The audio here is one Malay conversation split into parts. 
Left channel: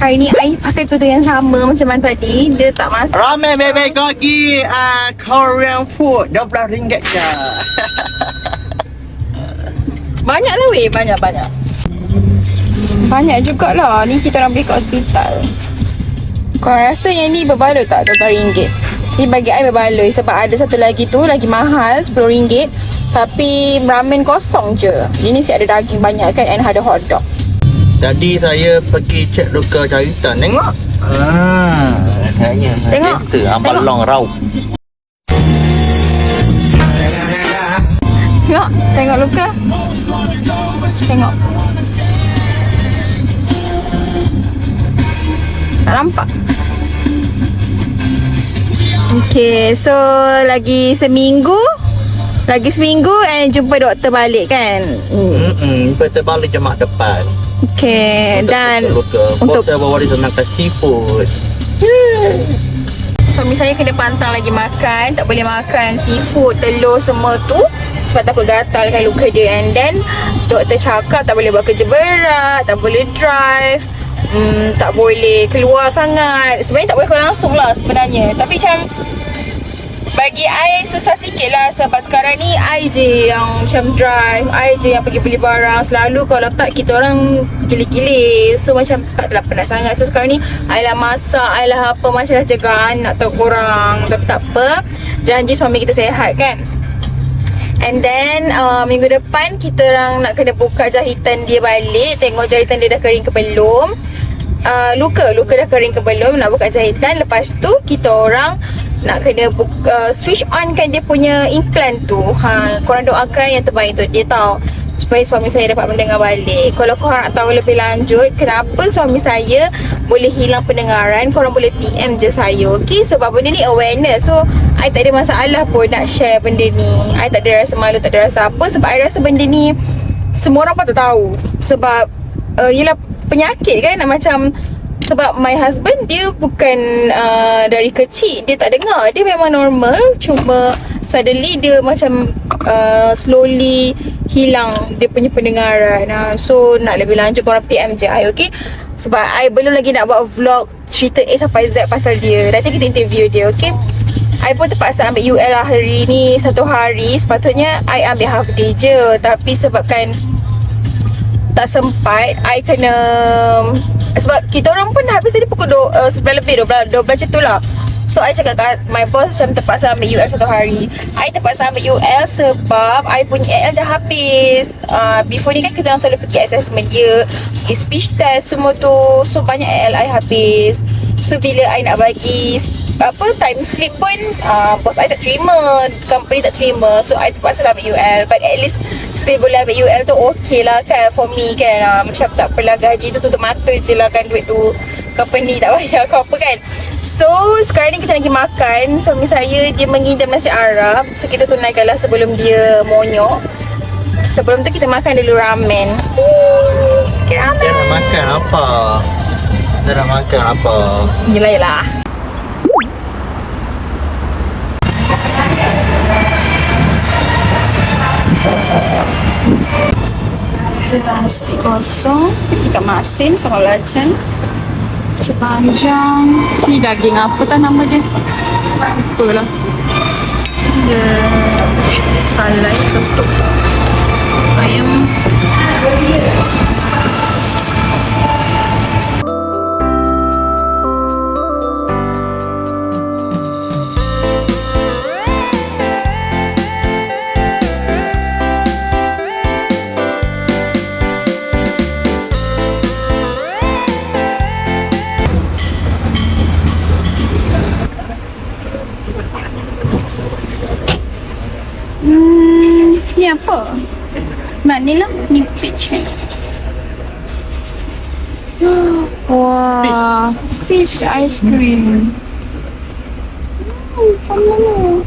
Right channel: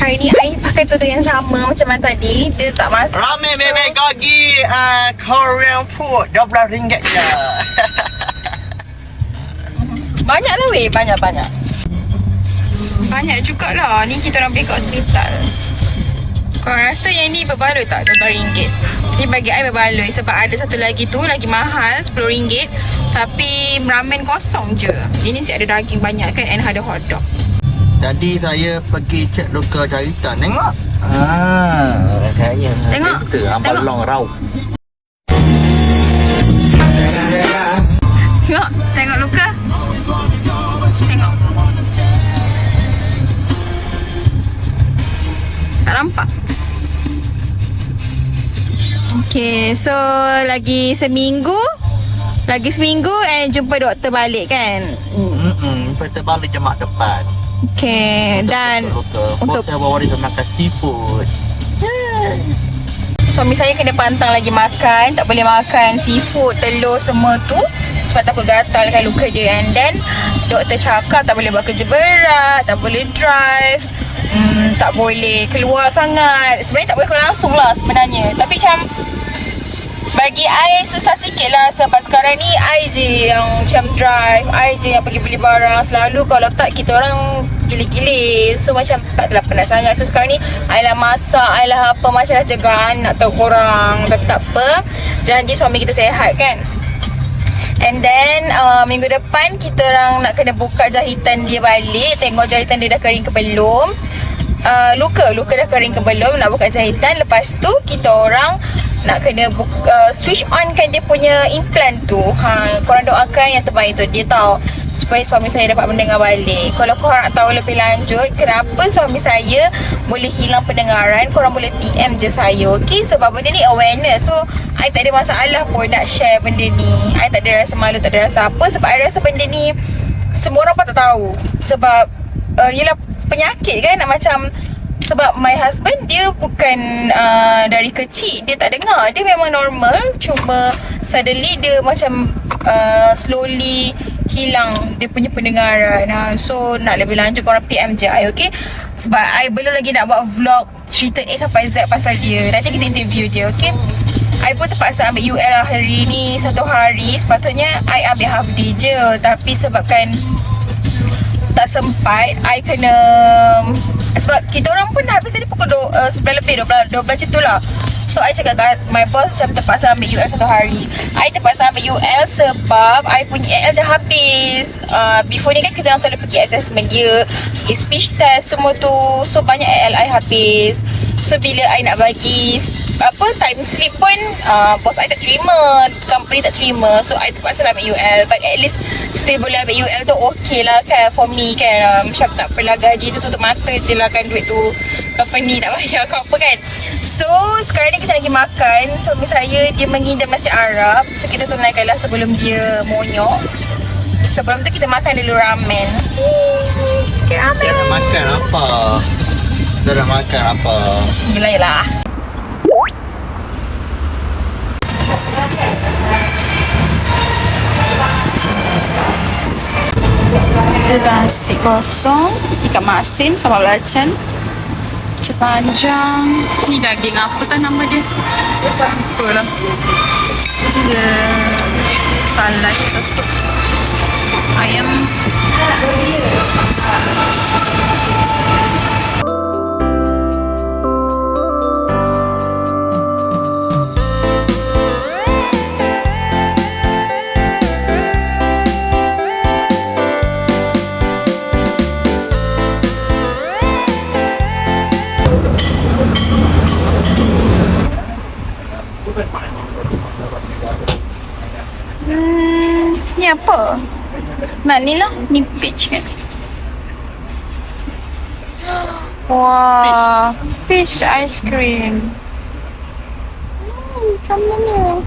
Hari ni I pakai tudung yang sama macam mana tadi. Dia tak masak. Ramen bebek gogi Korean food RM12 je. Banyak lah weh, banyak-banyak. Banyak jugalah. Ni kita orang beli kat hospital. Kau rasa yang ni berbaloi tak RM12? Tapi bagi I berbaloi sebab ada satu lagi tu lagi mahal RM10. Tapi ramen kosong je. Ini si ada daging banyak kan and ada hotdog. Tadi saya pergi cek luka jahitan. Tengok. Kayaknya Tengok. balong raup. Tengok luka. Tengok. Tak nampak. Okay, so lagi seminggu and jumpa doktor balik kan. Kita balik Jumaat depan. Okay, Untuk dan luka. Bos saya bawa dia makan seafood. suami saya kena pantang lagi makan. Tak boleh makan seafood, telur semua tu sebab takut gatal kan luka dia. And then doktor cakap tak boleh buat kerja berat, tak boleh drive, tak boleh keluar sangat. Sebenarnya tak boleh keluar langsung lah sebenarnya. Tapi macam bagi I susah sikit lah sebab sekarang ni I je yang macam drive, I je yang pergi beli barang. Selalu kalau tak kita orang gile-gile. So macam taklah penat sangat. So sekarang ni I lah masak, I lah apa, macam dah jaga anak atau korang. Tapi tak apa, janji suami kita sihat kan. And then minggu depan kita orang nak kena buka jahitan dia balik. Tengok jahitan dia dah kering ke belum. Luka dah kering ke belum, nak buka jahitan. Lepas tu kita orang nak kena switch on kan dia punya implant tu. Korang doakan yang terbaik tu dia tahu supaya suami saya dapat mendengar balik. Kalau korang nak tahu lebih lanjut kenapa suami saya boleh hilang pendengaran, korang boleh PM je saya, okay? Sebab benda ni awareness. So I tak ada masalah pun nak share benda ni. I tak ada rasa malu, tak ada rasa apa. Sebab I rasa benda ni semua orang patut tahu. Sebab yelah penyakit kan, macam sebab my husband dia bukan dari kecil dia tak dengar, dia memang normal, cuma suddenly dia macam slowly hilang dia punya pendengaran. So nak lebih lanjut korang PM je I, okay? Sebab I belum lagi nak buat vlog cerita A sampai Z pasal dia. Nanti kita interview dia, okay? I pun terpaksa ambil UL lah hari ni 1 hari. Sepatutnya I ambil half day je, tapi sebabkan tak sempat, I kena sebab kita orang pun dah habis tadi pukul 11 lebih, 12 macam tu lah. So I cakap kat my boss macam terpaksa ambil UL 1 hari. I terpaksa ambil UL sebab I punya AL dah habis. Before ni kan kita orang selalu pergi assessment dia, pergi speech test semua tu. So banyak AL I habis. So bila I nak bagi time slip pun bos I tak terima, company tak terima. So I terpaksa ambil UL. But at least still boleh ambil UL tu okay lah kan for me kan. Macam tak apalah gaji tu tutup mata je lah kan, duit tu company tak bayar ke apa kan. So sekarang ni kita lagi makan. Suami saya dia mengidam nasi Arab. So kita tunaikanlah sebelum dia monyok. Sebelum tu kita makan dulu ramen. Kita nak makan apa? Kita nak makan apa? Yelah. Nasi kosong, ikan masin sama belacan, kecil panjang. Ni daging apa tak nama dia? Lupa lah. Dia salai atau sup ayam. Ni apa? Nak ni lah, ni peach kan? Wah, peach ice cream. Macam mana?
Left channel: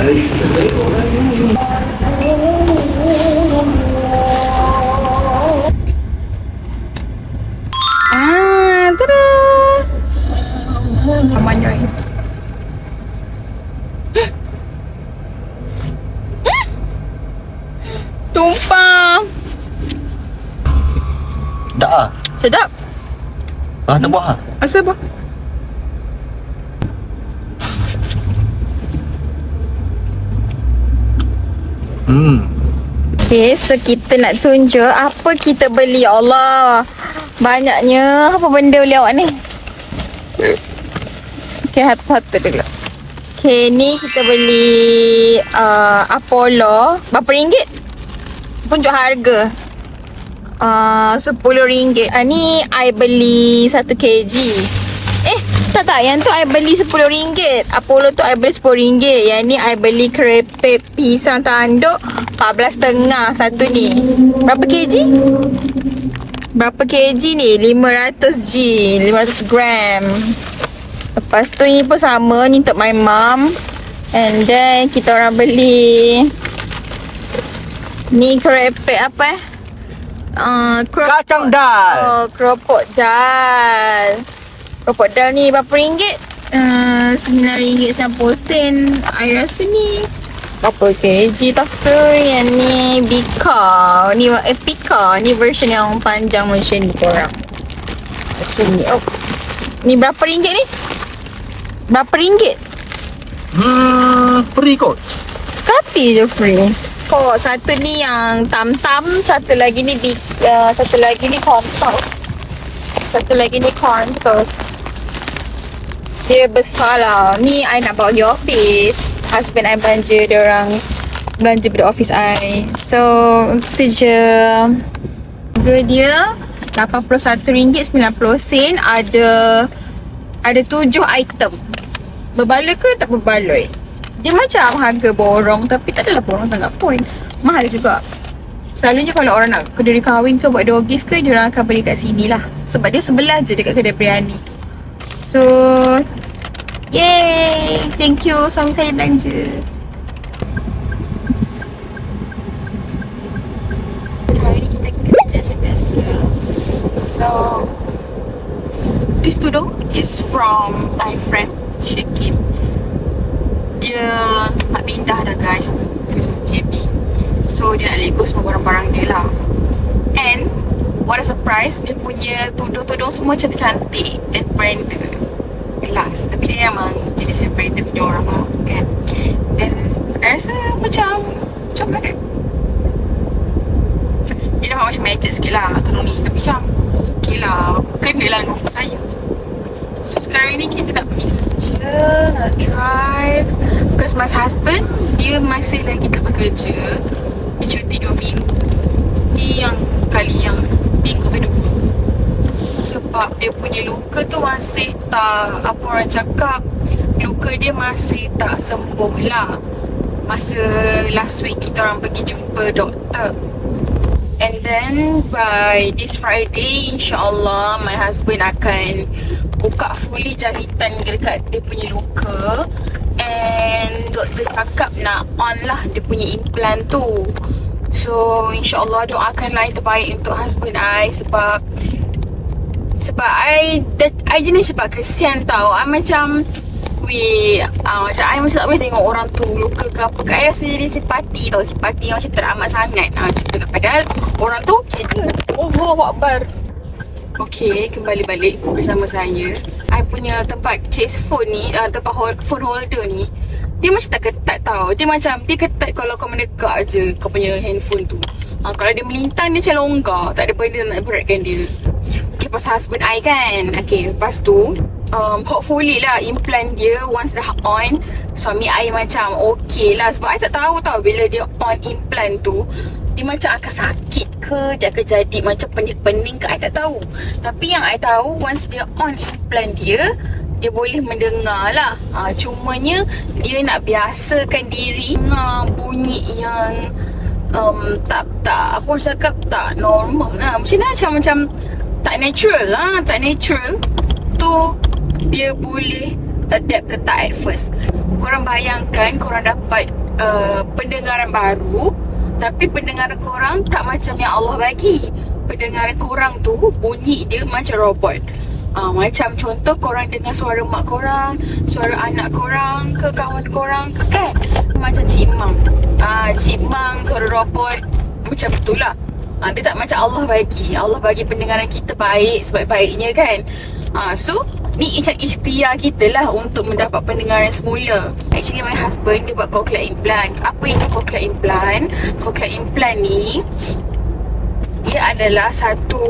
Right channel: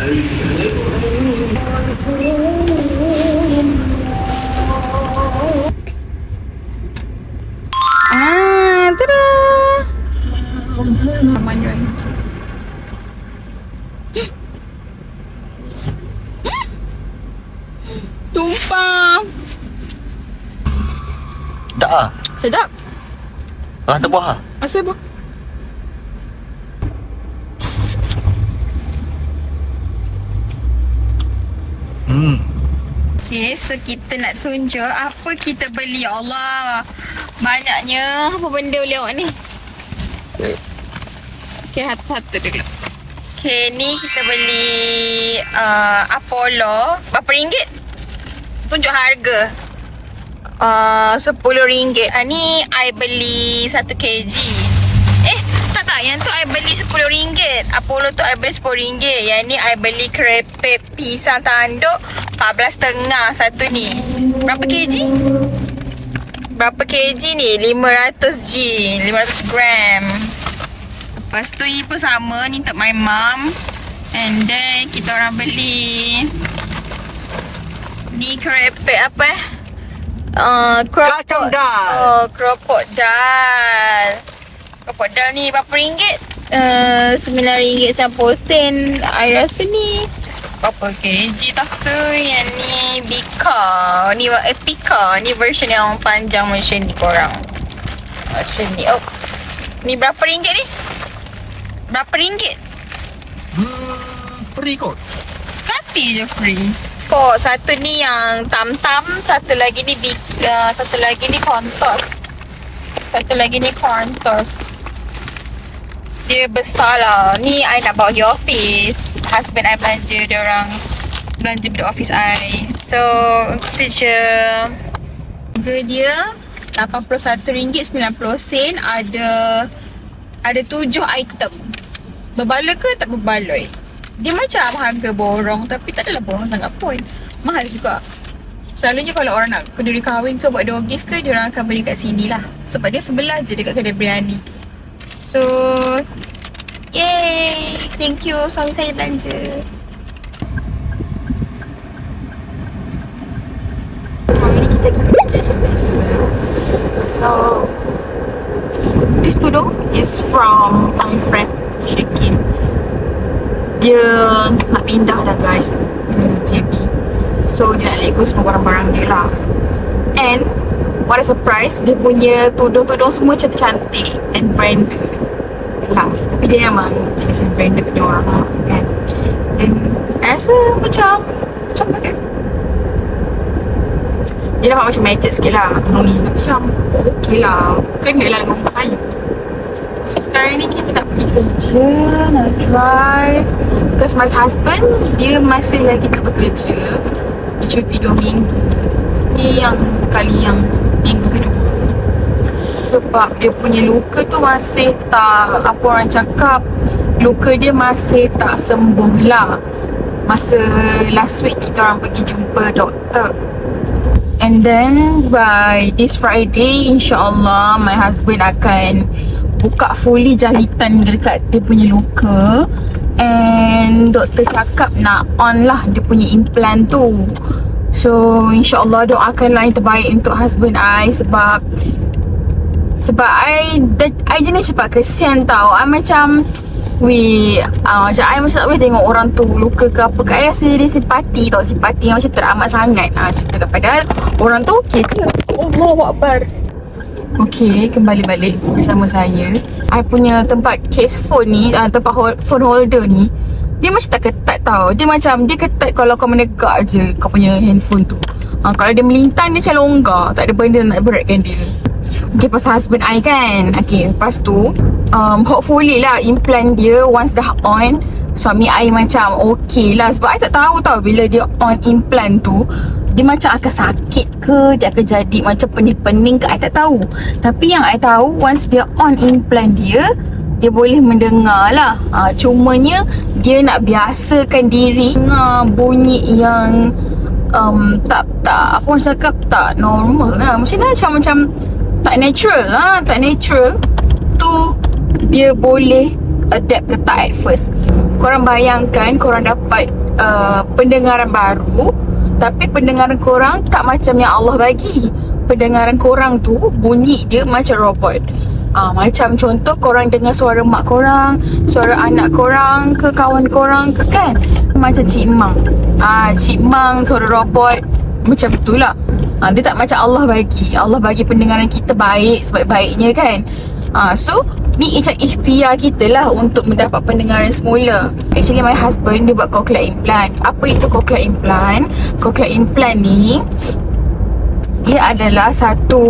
Tada! Amanyoy. Tumpah. Dah ah. Sedap. Tak buah ah. Asal apa? Okay, so kita nak tunjuk apa kita beli. Ya Allah, banyaknya. Apa benda beli awak ni? Okay, satu-satu dulu. Okay, ni kita beli Apollo. Berapa ringgit? Tunjuk harga. RM10. Ni I beli 1 kg. Tak, yang tu I beli RM10. Apollo tu I beli RM10. Yang ni I beli kerepek pisang tanduk 14.5 satu ni. Berapa kg? Berapa kg ni? 500 gram. Lepas tu ni pun sama. Ni untuk my mum. And then kita orang beli ni kerepek apa Keropok dal. Keropok dal. Keropok dal ni berapa ringgit? RM9.90. I rasa ni berapa kg tak ke? Yang ni Bika. Ni Pika. Ni version yang panjang macam ni korang. Macam ni. Oh. Ni berapa ringgit ni? Berapa ringgit? Free kot. Sekati je free. Kok satu ni yang tam-tam, satu lagi ni satu lagi ni Contos. Satu lagi ni Contos. Dia besar lah. Ni I nak bawa pergi office. Husband I belanja, dia orang belanja pada office I. So, itu je. Harga dia RM81.90. Ada 7 item. Berbaloi ke tak berbaloi? Dia macam harga borong tapi tak adalah borong sangat pun. Mahal juga. Selalunya kalau orang nak keduri kahwin ke buat door gift ke, dia orang akan beli kat sini lah. Sebab dia sebelah je dekat kedai biryani tu. So, yay! Thank you suami saya belanja. So, hari ni kita pergi kerja macam biasa. So, this tudung is from my friend Shekin. Dia nak pindah dah guys ke JB. So dia nak lego semua barang-barang dia lah. And what a surprise, dia punya tudung-tudung semua cantik-cantik and branded, kelas. Tapi dia memang jenis yang branded punya orang lah kan. And I rasa macam comel kan. Dia nampak macam macet sikit lah tudung ni. Tapi macam okay lah, kena lah dengan umur saya. So sekarang ni kita nak pergi kerja, nak drive. Because my husband, dia masih lagi tak bekerja. Dia cuti 2 minggu. Ni yang kali yang minggu kedua. Sebab dia punya luka tu masih tak, apa orang cakap, luka dia masih tak sembuh lah. Masa last week kita orang pergi jumpa doktor. And then by this Friday, insyaAllah my husband akan buka fully jahitan dekat dia punya luka. And doktor cakap nak on lah dia punya implant tu. So insyaAllah doakanlah yang terbaik untuk husband I. Sebab I jenis cepat kesian tau. I macam macam I macam tak boleh tengok orang tu luka ke apa ke. I rasa jadi simpati tau. Simpati yang macam teramat sangat cerita. Padahal orang tu okay ke. Allahuakbar. Okay, kembali balik bersama saya. I punya tempat case phone ni, tempat phone holder ni, dia macam tak ketat tau. Dia macam, dia ketat kalau kau menegak je kau punya handphone tu. Kalau dia melintang, dia macam longgar. Tak ada benda nak beratkan dia. Okay, pasal husband I kan. Okay, lepas tu hopefully lah implant dia once dah on, suami I macam okay lah. Sebab I tak tahu tau bila dia on implant tu, dia macam akan sakit ke, dia akan jadi macam pening-pening ke, I tak tahu. Tapi yang I tahu, once dia on implant dia boleh mendengar lah. Cumanya dia nak biasakan diri dengar bunyi yang tak apa orang cakap, tak normal lah. Macam tak natural lah. Tak natural tu dia boleh adapt ke tak at first. korang bayangkan korang dapat pendengaran baru, tapi pendengaran korang tak macam yang Allah bagi. Pendengaran korang tu bunyi dia macam robot. Macam contoh korang dengar suara mak korang, suara anak korang ke kawan korang ke kan, macam Cik Mang. Cik Mang suara robot, macam itulah. Dia tak macam Allah bagi. Allah bagi pendengaran kita baik, sebaik-baiknya kan. So ni macam ikhtiar kita lah untuk mendapat pendengaran semula. Actually my husband dia buat cochlear implant. Apa itu cochlear implant? Cochlear implant ni dia adalah satu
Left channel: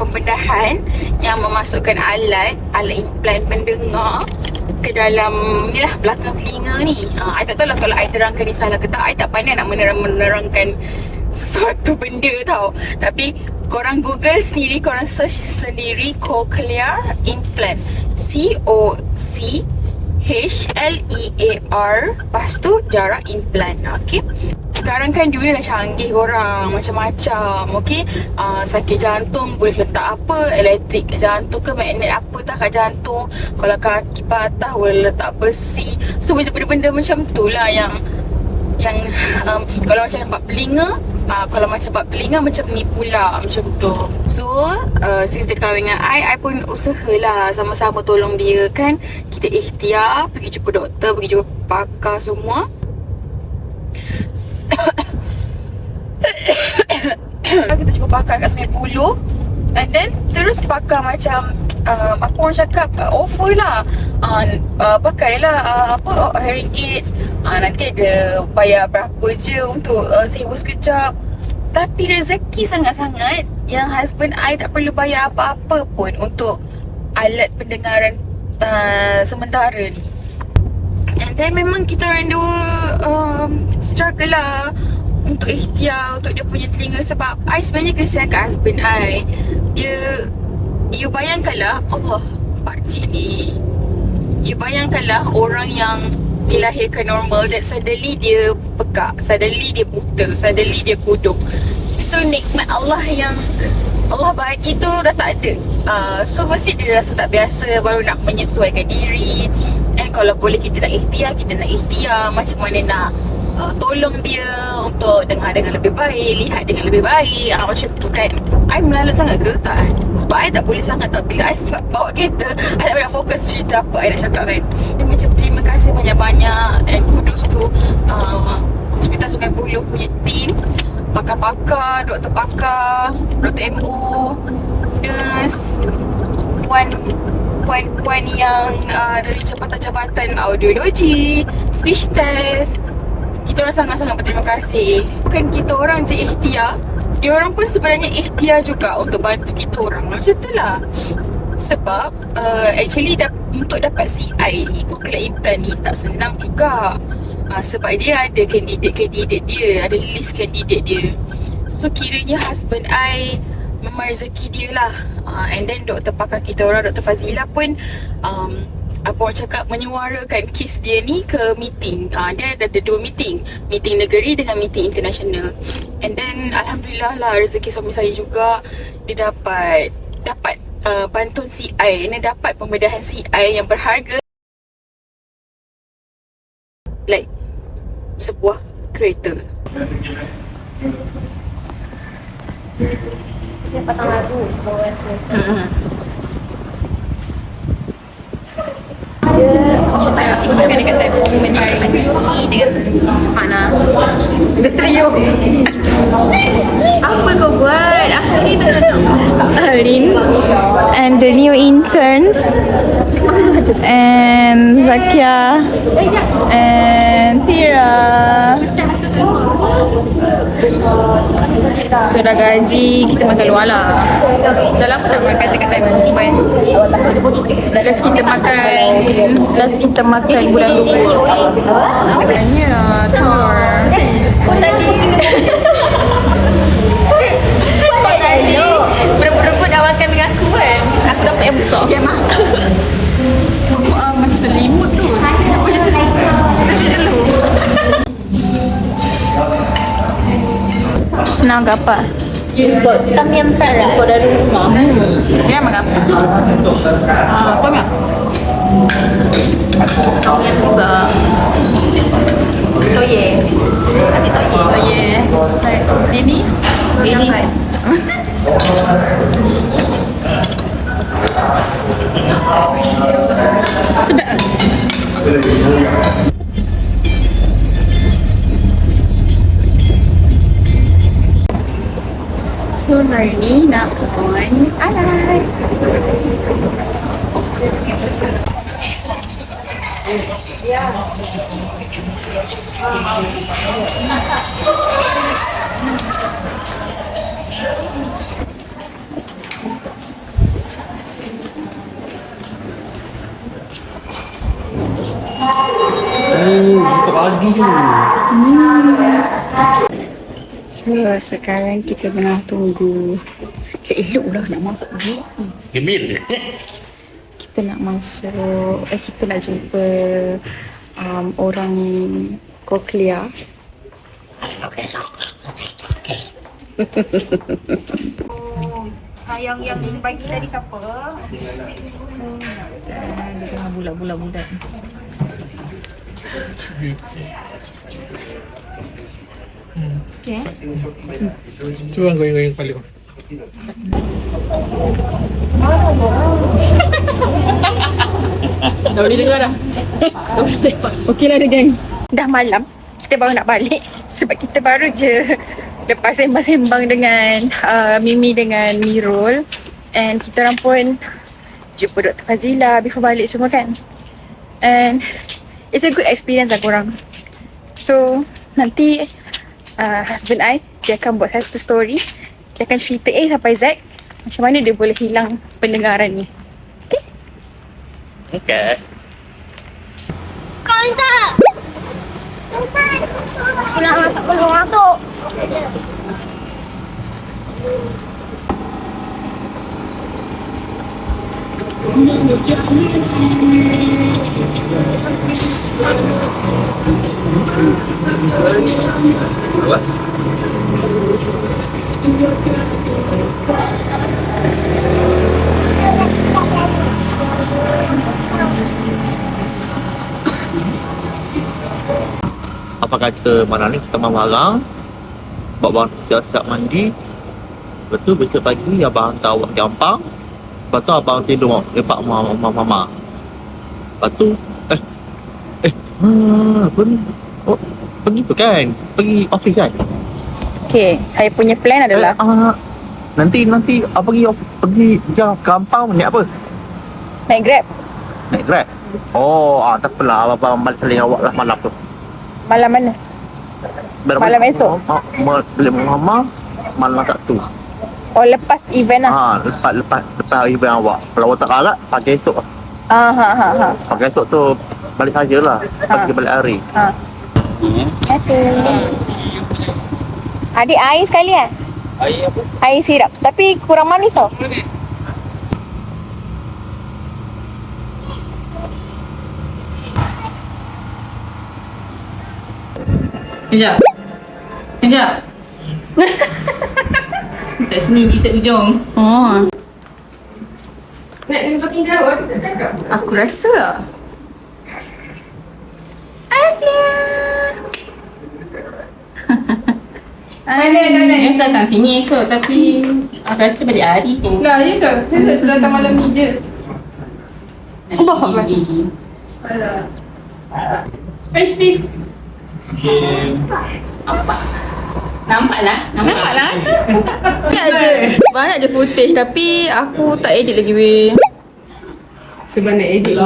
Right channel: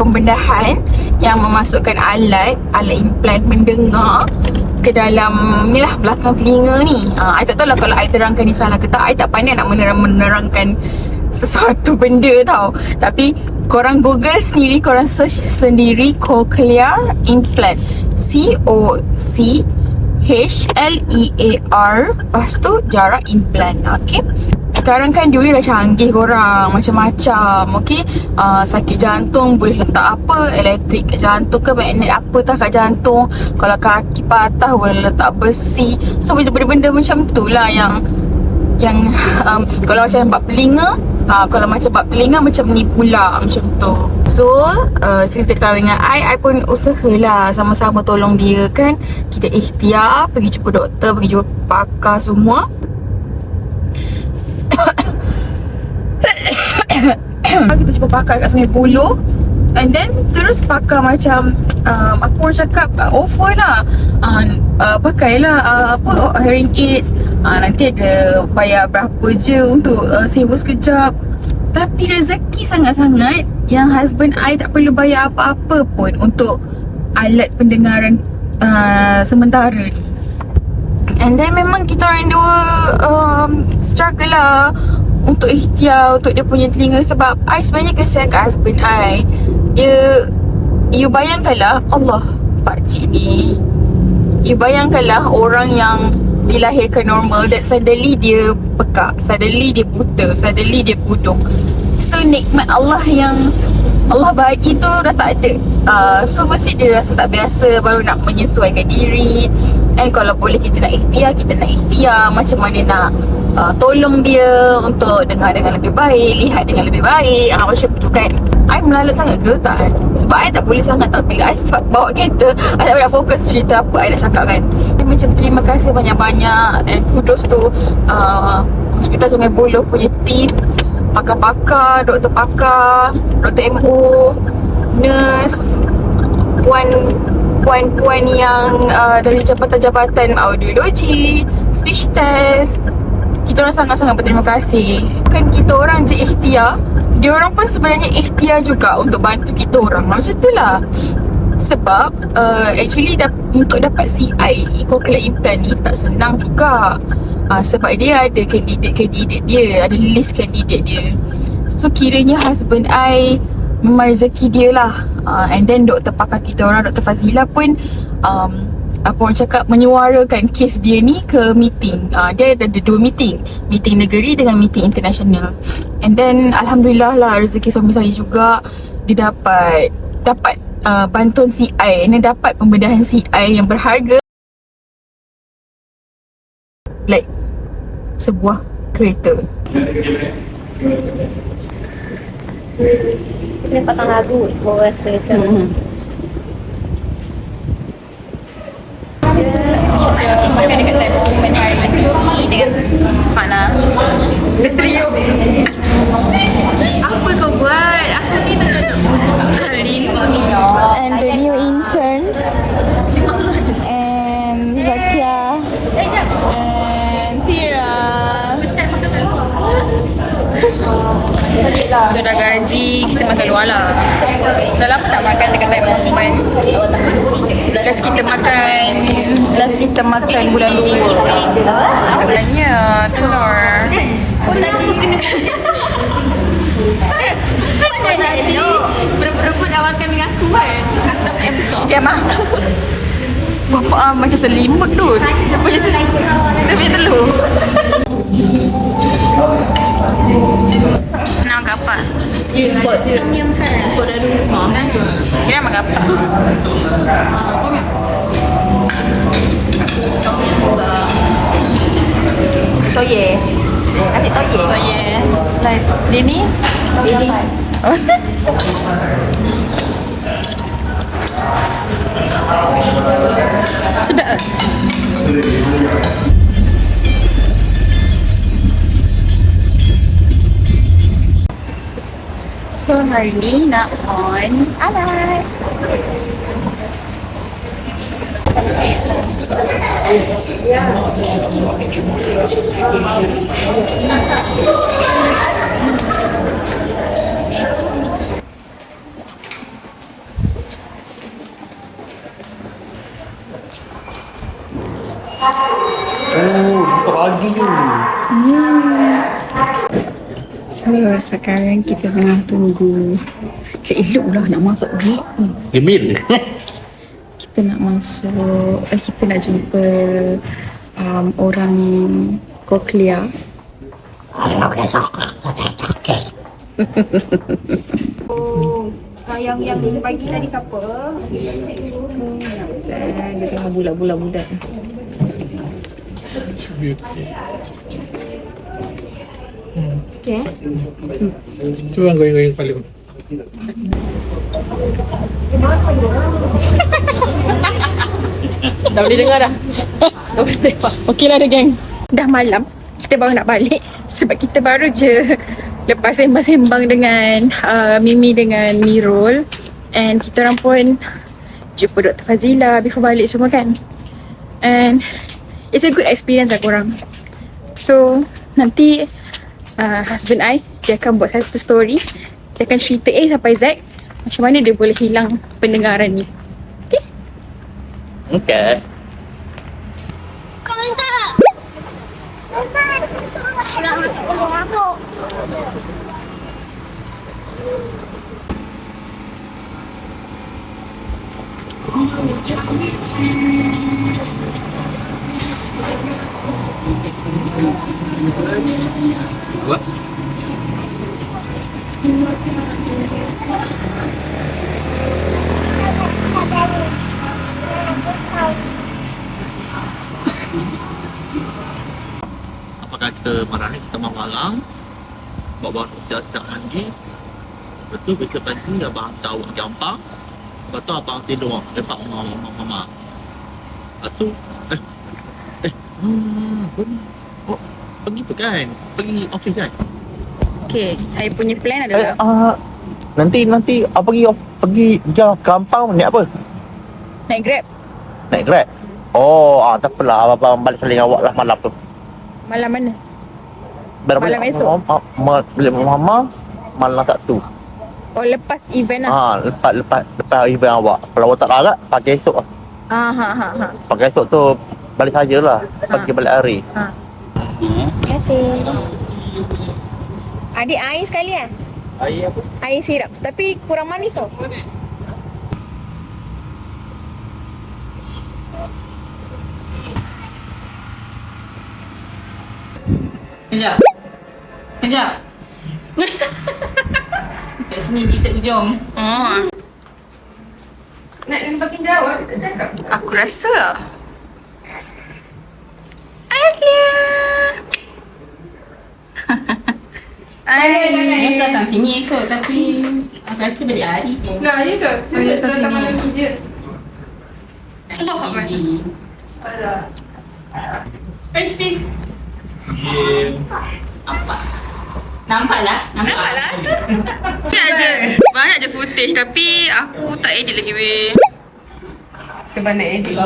pembedahan yang memasukkan alat implant mendengar ke dalam ni lah, belakang telinga ni. I tak tahu lah kalau I terangkan ni salah ke tak. I tak pandai nak menerangkan sesuatu benda tau. Tapi korang Google sendiri, korang search sendiri cochlear implant, COCHLEAR, lepas tu jarak implant. Okay, sekarang kan dunia dah canggih korang, macam-macam. Okay, sakit jantung boleh letak apa, elektrik kat jantung ke, magnet apa tak kat jantung. Kalau kaki patah boleh letak besi. So benda-benda macam tu lah yang kalau macam bab telinga, kalau macam bab telinga macam ni pula, macam tu. So since dia kahwin dengan I pun usahalah sama-sama tolong dia kan. Kita ikhtiar pergi jumpa doktor, pergi jumpa pakar semua. Kita jumpa pakar kat Sungai Buloh, and then terus pakar macam apa orang cakap, offer lah, pakailah hearing aid, nanti ada bayar berapa je untuk sewa sekejap. Tapi rezeki sangat-sangat yang husband I tak perlu bayar apa-apa pun untuk alat pendengaran sementara ni. And then memang kita orang dua struggle lah untuk ikhtiar untuk dia punya telinga. Sebab I sebenarnya kesian kat husband I. You bayangkanlah Allah pakcik ni, you bayangkanlah orang yang dilahirkan normal dan suddenly dia pekak, suddenly dia buta, suddenly dia kudung. So nikmat Allah yang Allah bagi tu dah tak ada. So mesti dia rasa tak biasa, baru nak menyesuaikan diri. And kalau boleh kita nak ikhtiar macam mana nak tolong dia untuk dengar dengan lebih baik, lihat dengan lebih baik, macam tu kan. I melalut sangat ke? Tak kan? Sebab I tak boleh sangat tau. Bila I bawa kereta, I tak boleh fokus cerita apa I nak cakap kan. Macam terima kasih banyak-banyak, and kudos tu Hospital Sungai Buloh punya team, pakar-pakar, doktor pakar, doktor MO, nurse, puan-puan yang dari jabatan-jabatan audiologi, speech test. Kita orang sangat-sangat berterima kasih. Bukan kita orang je ikhtiar, dia orang pun sebenarnya ikhtiar juga untuk bantu kita orang. Macam tu lah. Sebab actually untuk dapat CI cochlear implant ni tak senang juga. Sebab dia ada kandidat dia, ada list kandidat dia. So kiranya husband I memang rezeki dia lah. And then doktor pakar kita orang, Dr. Fazila pun apa orang cakap, menyuarakan kes dia ni ke meeting. Dia ada 2 meeting, meeting negeri dengan meeting international. And then alhamdulillah lah, rezeki suami saya juga, dia dapat bantuan CI. Dia dapat pembedahan CI yang berharga like sebuah kereta. Dapat haru rasa tu. Kita makan dekat time moment hari ni dengan Mana. Apa kau buat? Aku ni tak nak. And the new interns, and Zakia, and Tira. So dah gaji, kita makan luar lah. Dah lama tak makan dekat time moment. Last kita makan bulan 2. Katanya telur. Kau tadi berebut-rebut nak makan dengan aku kan. Aku dapat yang besar. Dia macam selimut tu. Dia punya telur. Nak makan apa? Tom yum fried lah. Kau dari rumah. Dia nak makan apa? Kau nak? Tom yum juga. hari ni nak on alat. Buka pagi tu. So sekarang kita tengah tunggu. Elok lah nak masuk ni. Gemil. Kita nak masuk, kita nak jumpa orang Cochlear. Yang dia bagi tadi siapa? Dia tengah bulat-bulat. Okay. Cuba goyang-goyang kepala. Dah boleh dengar dah. Dah boleh dengar. Okey lah geng. Dah malam. Kita baru nak balik. Sebab kita baru je lepas sembang-sembang dengan Mimi dengan Mirul. And kita orang pun jumpa Dr. Fazila before balik semua kan. And it's a good experience lah korang. So nanti husband I, dia akan buat satu story. Dia akan cerita A sampai Z macam mana dia boleh hilang pendengaran ni. Okay? Okay. Kau tak. Nak masuk belum masuk. Apa? Apa kata malam ni kita marang bawa kita siap mandi. Lepas tu besok pagi abang hantar awak ke Ampang. Lepas tu abang tidur lepak mama. Lepas tu apa ni? Oh, pergi tu kan? Pergi office kan? Okay, saya punya plan adalah Nanti pergi jam ke Ampang naik apa? naik Grab. Naik Grab. Oh, tak apalah abang balik kali awak lah malam tu. Malam mana? Malam esok? Beli mama malam Sabtu. Oh, lepas event lah. Lepas event awak. Kalau awak tak larat, pagi esok lah. Ha. Pagi esok tu balik sajalah. Pagi balik hari. Terima kasih. Adik air sekali eh? Air apa? Air sirap. Tapi kurang manis tau. Kejap. Kat sini di ujung. Oh, Nak makin jauh kita cakap. aku rasa. Alia. Biasa datang sini esok tapi aku rasa dia balik hari tu. Lah, ya ke? Saya datang malam ni je. Allah Akbar. HP. Nampak lah. Banyak je footage tapi aku tak edit lagi weh. Sebab nak edit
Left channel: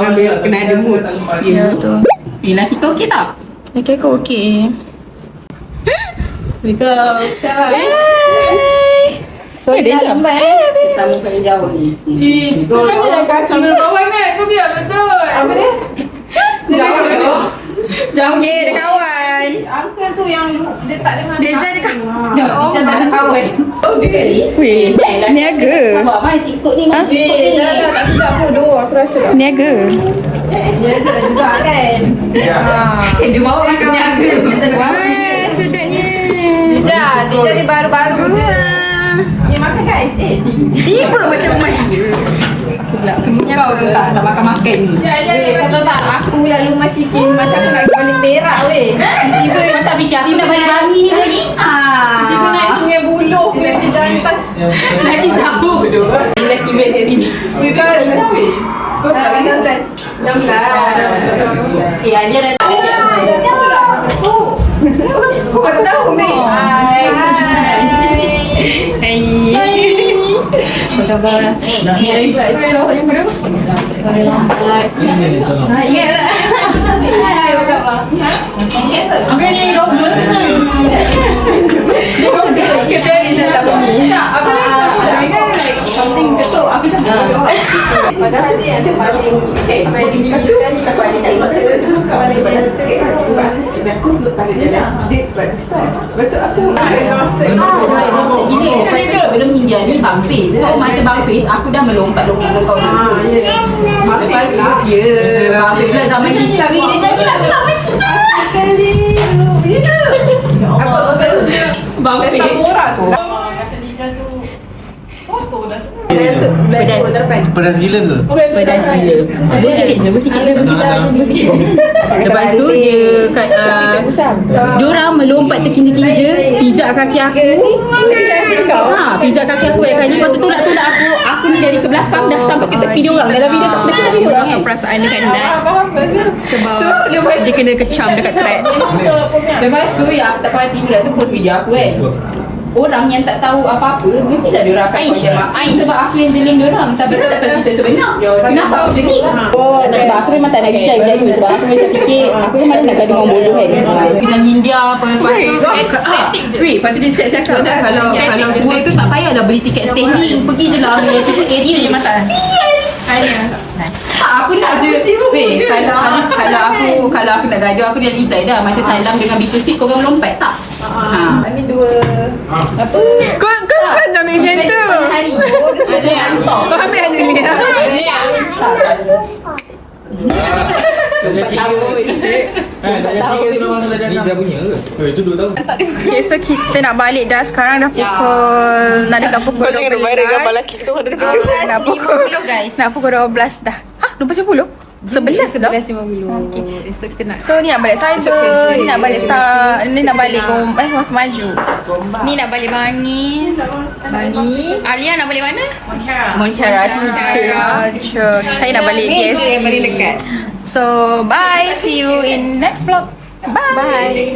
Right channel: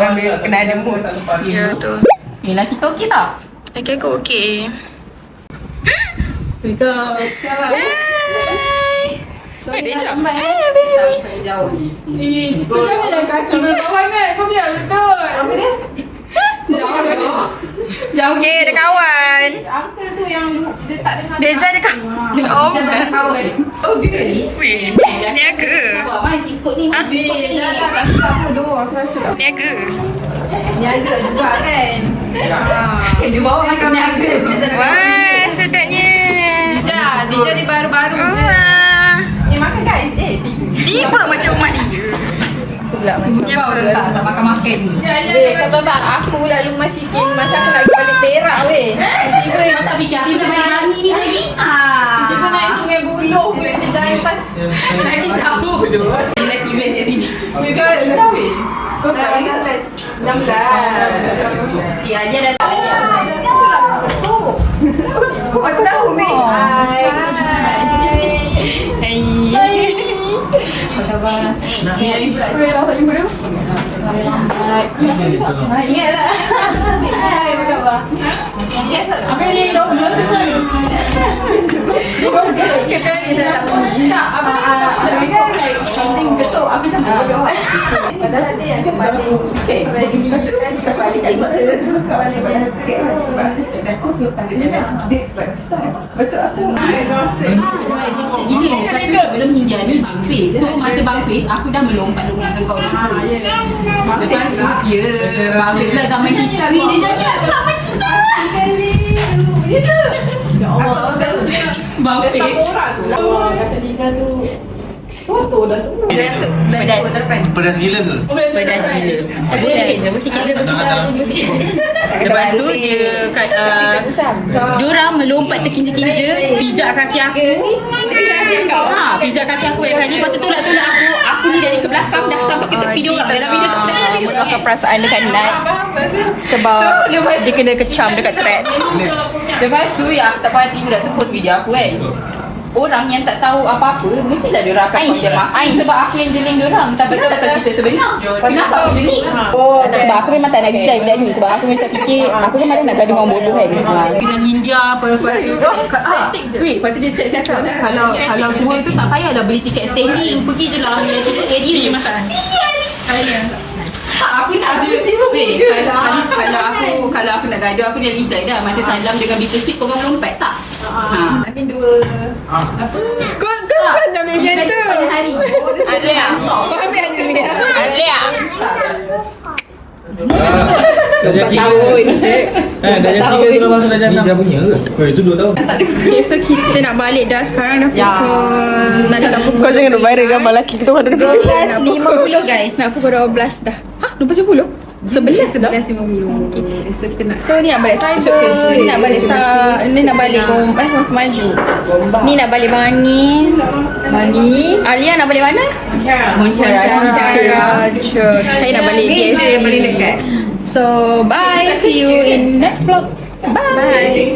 kena ada mood. Ya tu. Lelaki kau okey tak? Okay, aku okey. Kau. So dia jam. Kita muka jauh ni. Jangan kaki bawah mana? Kau biar betul. Apa dia? Jauh. Dia kawan. Uncle tu yang dia tak dengar. Dia jadi kawan. Oh, kawan. Oh, dia. Weh, niaga. Sabar, mana ciskut ni? Tak sedap bodoh aku rasa. Niaga. Dia ada juga kan. Dia bawa macam niaga. Wah, sedapnya. Dia jadi baru-baru je. Wah. Makan guys. Ini pun macam rumah dia. Kau tu tak makan-makan ni. Kau tahu tak, aku lalu masikin macam aku nak pergi balik Perak weh. Tiba-tiba Kau tak fikir aku nak balik Bangi ni tadi? tiba naik Sungai Buloh punya ke Jantas. Lagi jauh tu. Festival kat sini. Weh, kau dah tahu weh? Kau tak 16. Dia dah tak ada. Kau baru tahu weh. Hai. Sabar. Padahal dia yang paling paling Gila, kata sebelum Hindia ni Bang Fiz. So masa Bang Fiz, aku dah melompat dengan kau dulu. Lepas tu, Bang Fiz pula zaman kita ni, dia jadi aku tak percaya. Bang Fiz. rasa Lija tu foto dah tu. Pedas. Pedas gila ke? Pedas gila. Bersikit je. Lepas tu dia kat diorang melompat terkinja-kinja, pijak kaki aku. Pijak kaki aku kali lepas tu tolak aku ni dari ke belakang dah sampai ke tepi diorang. Dalam video tu Meluahkan perasaan dia kan sebab dia kena kecam dekat thread. Lepas tu yang aku tak perhati budak tu post video aku kan. Orang yang tak tahu apa-apa mesti dah diorang akan call jemaah sebab aku yang jeling diorang tapi aku tak tahu cerita sebenar. Kenapa aku jeling? Sebab aku memang tak nak gila budak tu sebab aku biasa fikir aku memang nak gaduh dengan bodoh kan. Dengan India apa lepas tu wait, lepas tu dia cakap kalau gua tu tak payah dah beli tiket standing, pergi je lah ambil satu area je. Tak, aku nak je. Weh, kalau aku nak gaduh aku dah reply dah masa salam dengan Beatle Speed korang melompat tak? I mean dua apa? Kau kan ambil macam tu. Kau ambil Anulia. Ni dah punya ke? Oh, itu 2 tahun. Okay, so kita nak balik dah. Sekarang dah pukul nak dekat pukul 12. Nak pukul 12 dah. Hah? 12.10? 11 dah? 11.50. Esok kita nak. So ni nak balik cyber, ni nak balik star, ni nak balik Mas Maju. Ni nak balik Bangi. Alia nak balik mana? Montera. Saya nak balik PSC. So bye, see you in next vlog. Bye.